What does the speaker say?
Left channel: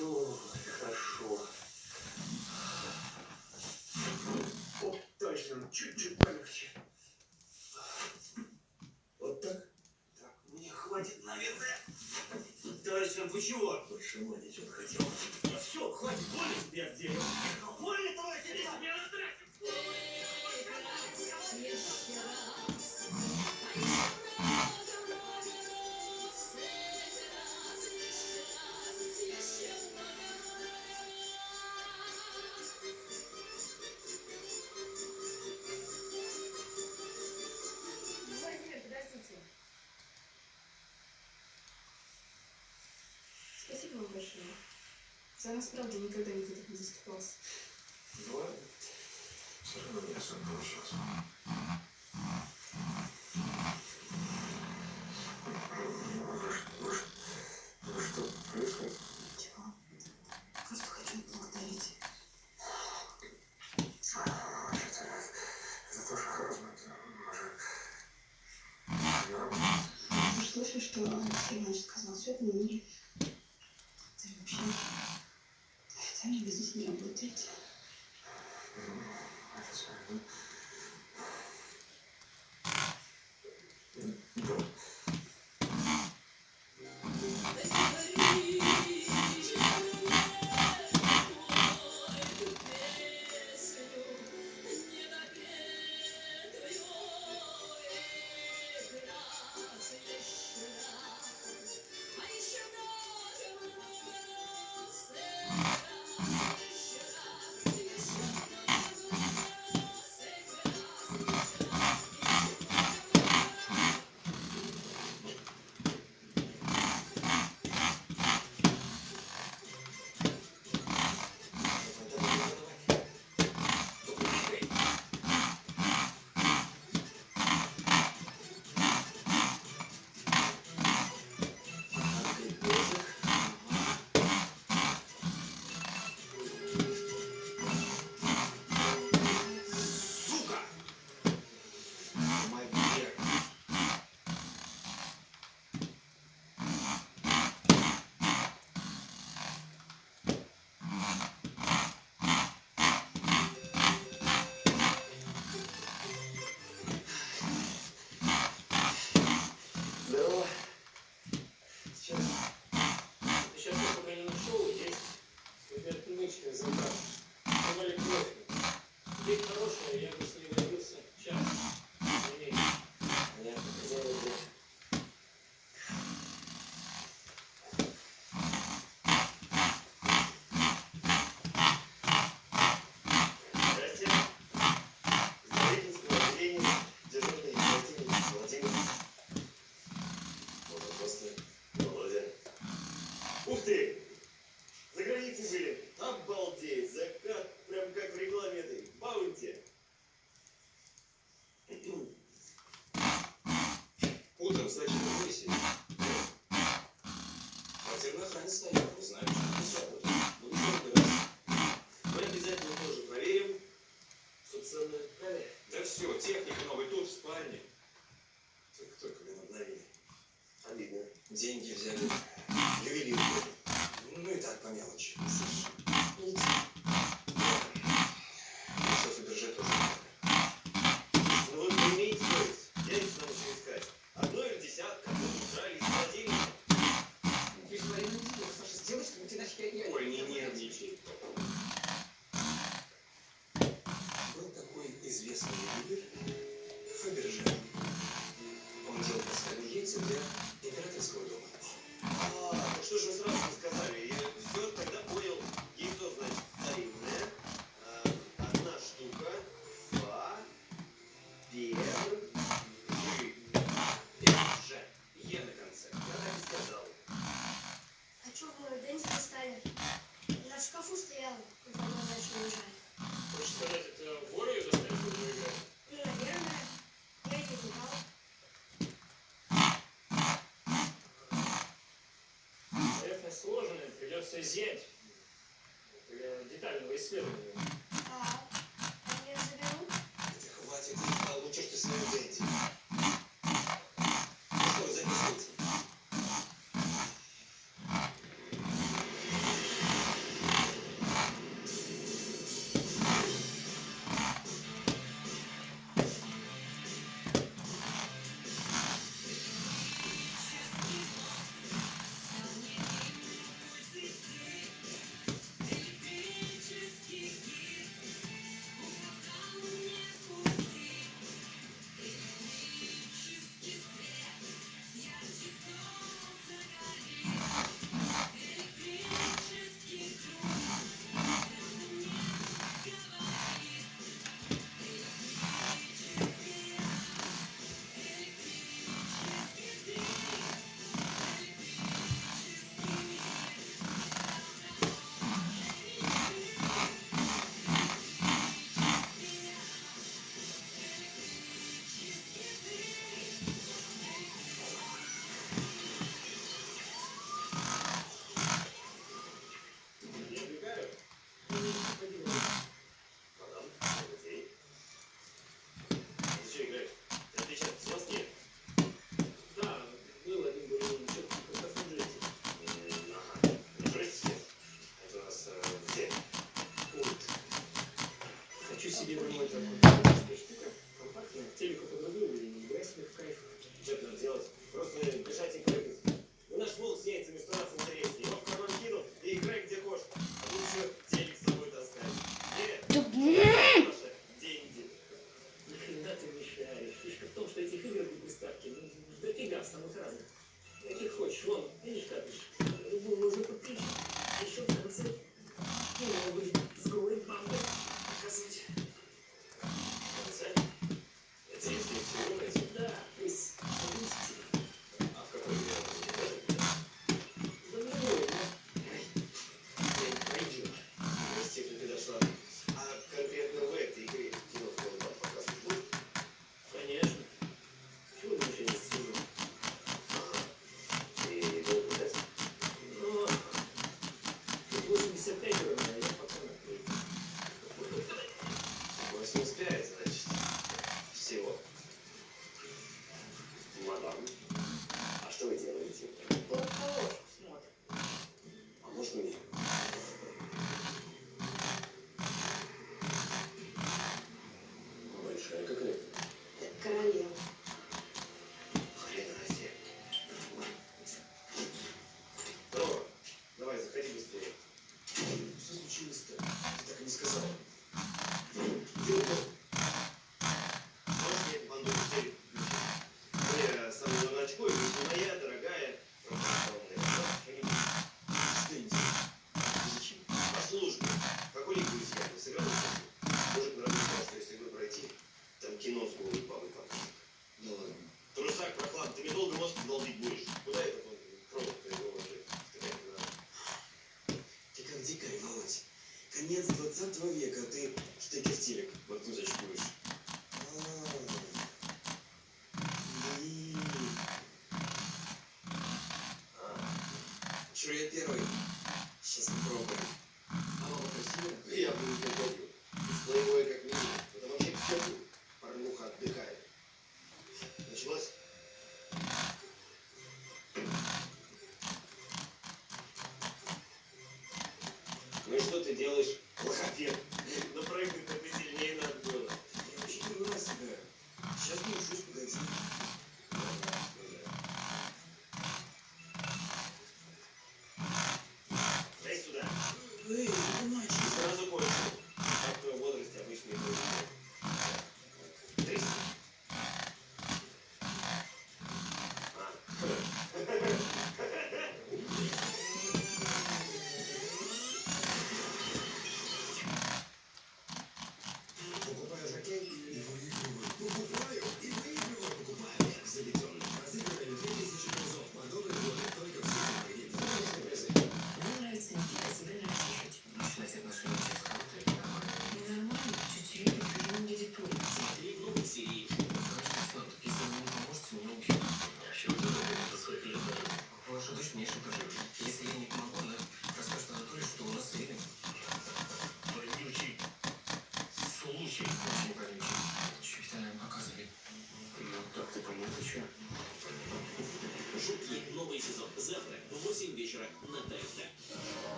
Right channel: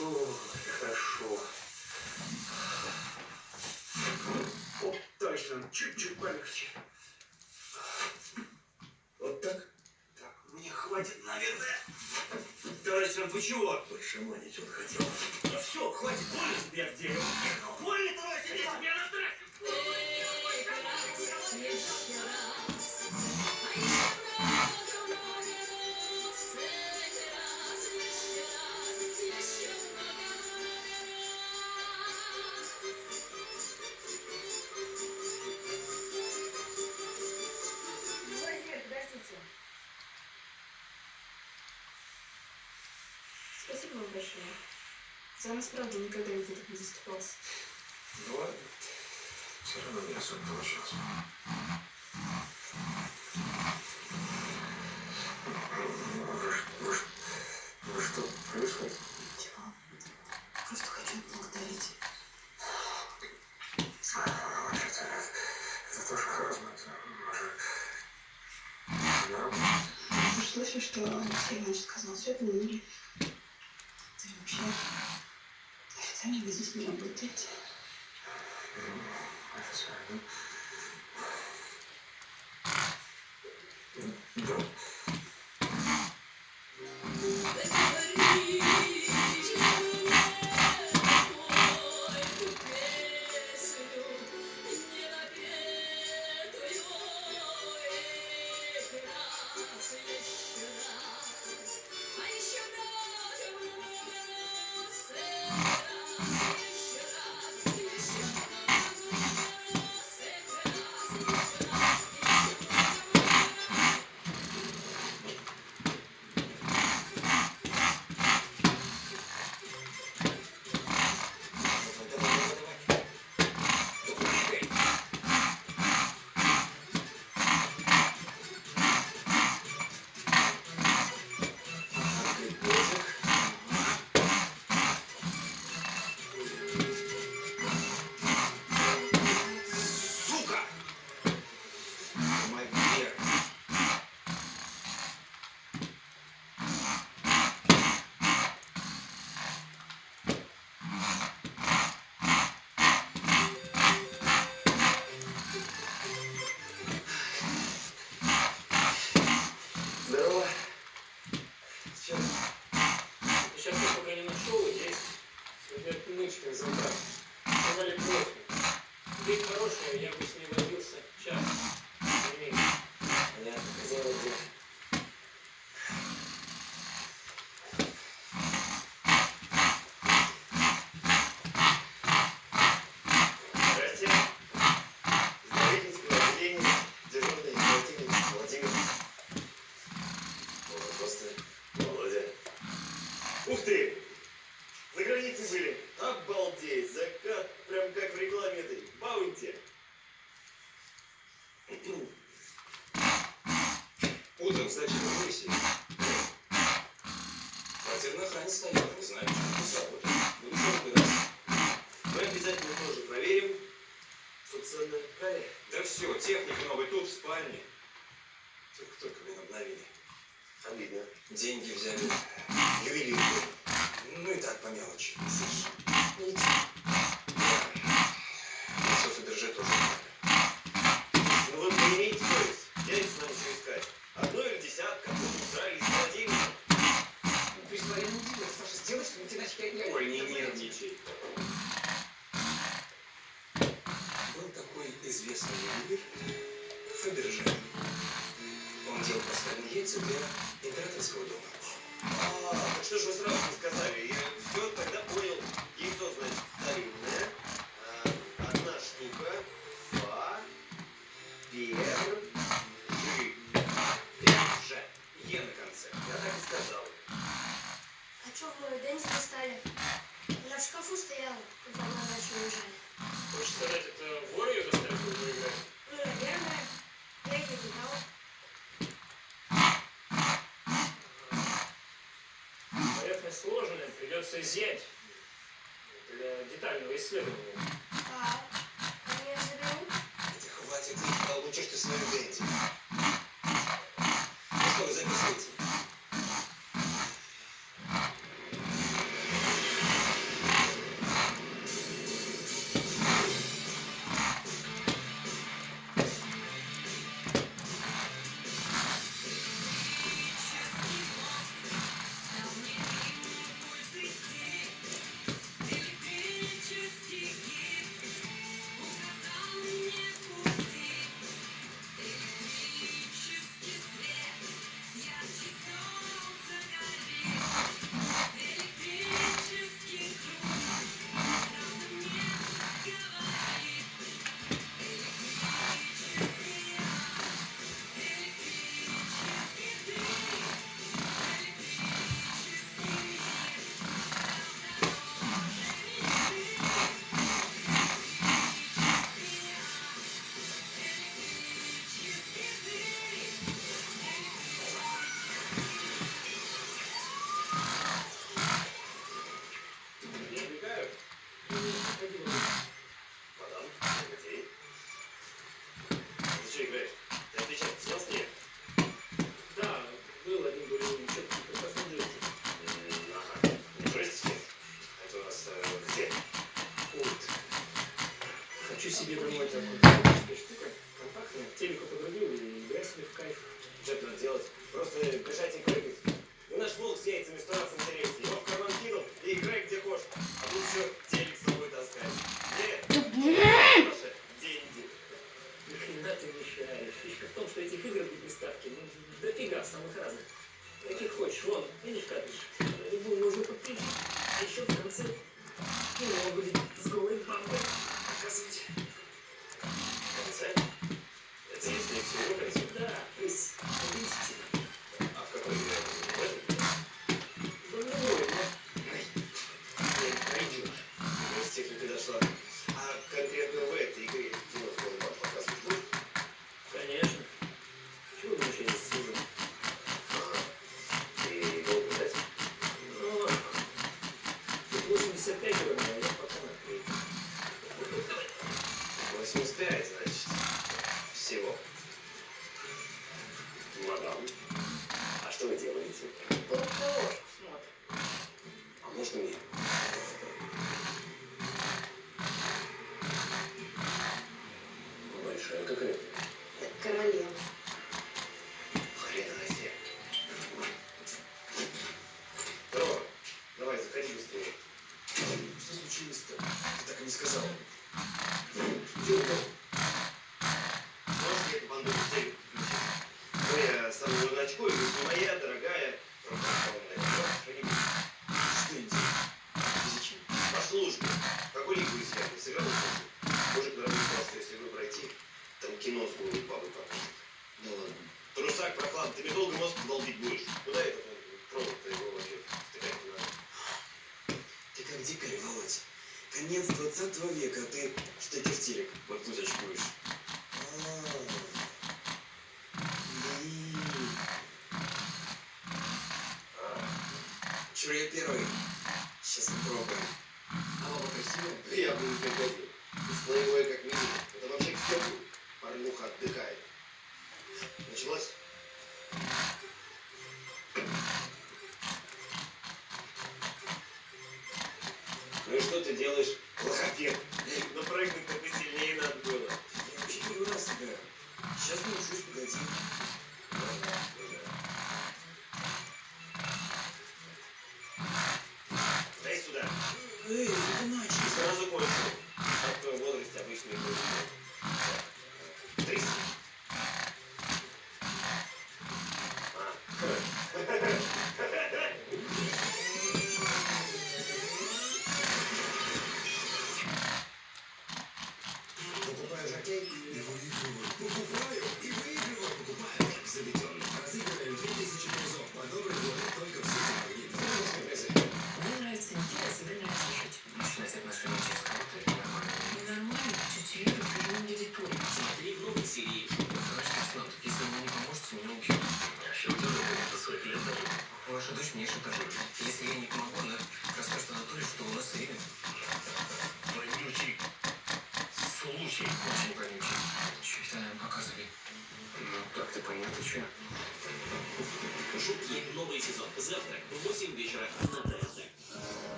Фу, это хорошо. О, точно, чуть-чуть полегче. Вот так? Так, мне хватит, наверное. Товарищ, вы чего? Пошаманить он хотел. Ну все, хватит, больно тебе где? Больно, товарищ, я тебе на трассе. Спасибо вам большое. За нас, правда, никогда никто так не заступался. Ну ладно. Все равно не особо получилось. Вы что, происходит? Ничего. Просто хочу отблагодарить. Вообще-то, это тоже хорошо. Вы же слышали, что Алексей Иванович сказал? Все это не мире. Да и вообще, официально вы здесь не работаете. Официально. Да. Здорово. Сейчас я пока не нашел, есть отмычка забрать. Сказали профи. Дверь хорошая, я бы с ней возился час. Понятно, хозяева где. Здрасте. Здоровительского отделения, дежурный оперативник Владимир. Можно просто Володя. Ух ты! За границей были. Обалдеть! Закат прям как в рекламе этой. Баунти. Утром сдачи на миссии. Квартир на охране стоят. Не знаю, что это сработает. Буду разбираться. Мы обязательно тоже проверим. Собственно, Кали. Да все, техника новый тут, в спальне. Только блин, обновили. Обидно. Деньги взяли. Ювелирку. Ну и так по мелочи. Видите? Да. Фаберже тоже надо. Ну вы поимеете совесть. Я не знаю, что искать. Одно или десятка, потом украли из холодильника. Ну, ты же своим делом, Саша, сделай что-нибудь, иначе я... Ой, не нервничай. Был такой известный ювелир Фаберже. Он делал пасхальные яйца для императорского дома. Так что же вы сразу не сказали? Я все тогда понял. Яйцо, значит, старинное. Одна штука. Фаберже. Е на конце. Я так и сказал. А чё вы Дэнни достали? Она в шкафу стояла, когда мы начали уезжать. Хочешь сказать, это вор ее достали, чтобы играть? Ну, наверное. Я ее не дал. Поверхность сложная, придется изъять для детального исследования. А они её заберут? Да хватит, получишь ты свою Дэнди. Ну что вы записываете? Проигрывание я потом открою. 85, значит. Всего. Мадам, а что вы делаете? Только ложку смотрим. А можно мне? Большая какая-то. Это королева. Хрена себе. Здорово. Давай, заходи быстрее. Что случилось-то? Ты так и не сказал. Где упал? Можешь мне банду быстрее включить? Я сам немного очко, и не моя, дорогая. Что-нибудь. Что-нибудь. Зачем? По службе. Какой лик будет снят? Не сыграл службу? Мужик на работе сказал, что если игру пройти, там кино с голой бабой покажет. Да ладно. Трусак, проклан, ты мне долго мозг долбить будешь. Куда этот провод-то его вообще втыкать не надо? Ты как дикарь, Володь. Конец 20 века, а ты что это в телек воткнуть очкуешь? Чур, я первый. Сейчас попробуем. А баба красивая? Я бы не приходил. Плейбой как минимум. Это вообще кто тут? Порнуха отдыхает. Началось? Ну и что ты делаешь, лохопед? Ну прыгнуть-то посильнее надо было. Я вообще первый раз играю. Сейчас научусь, погоди. Дай сюда. Эй, не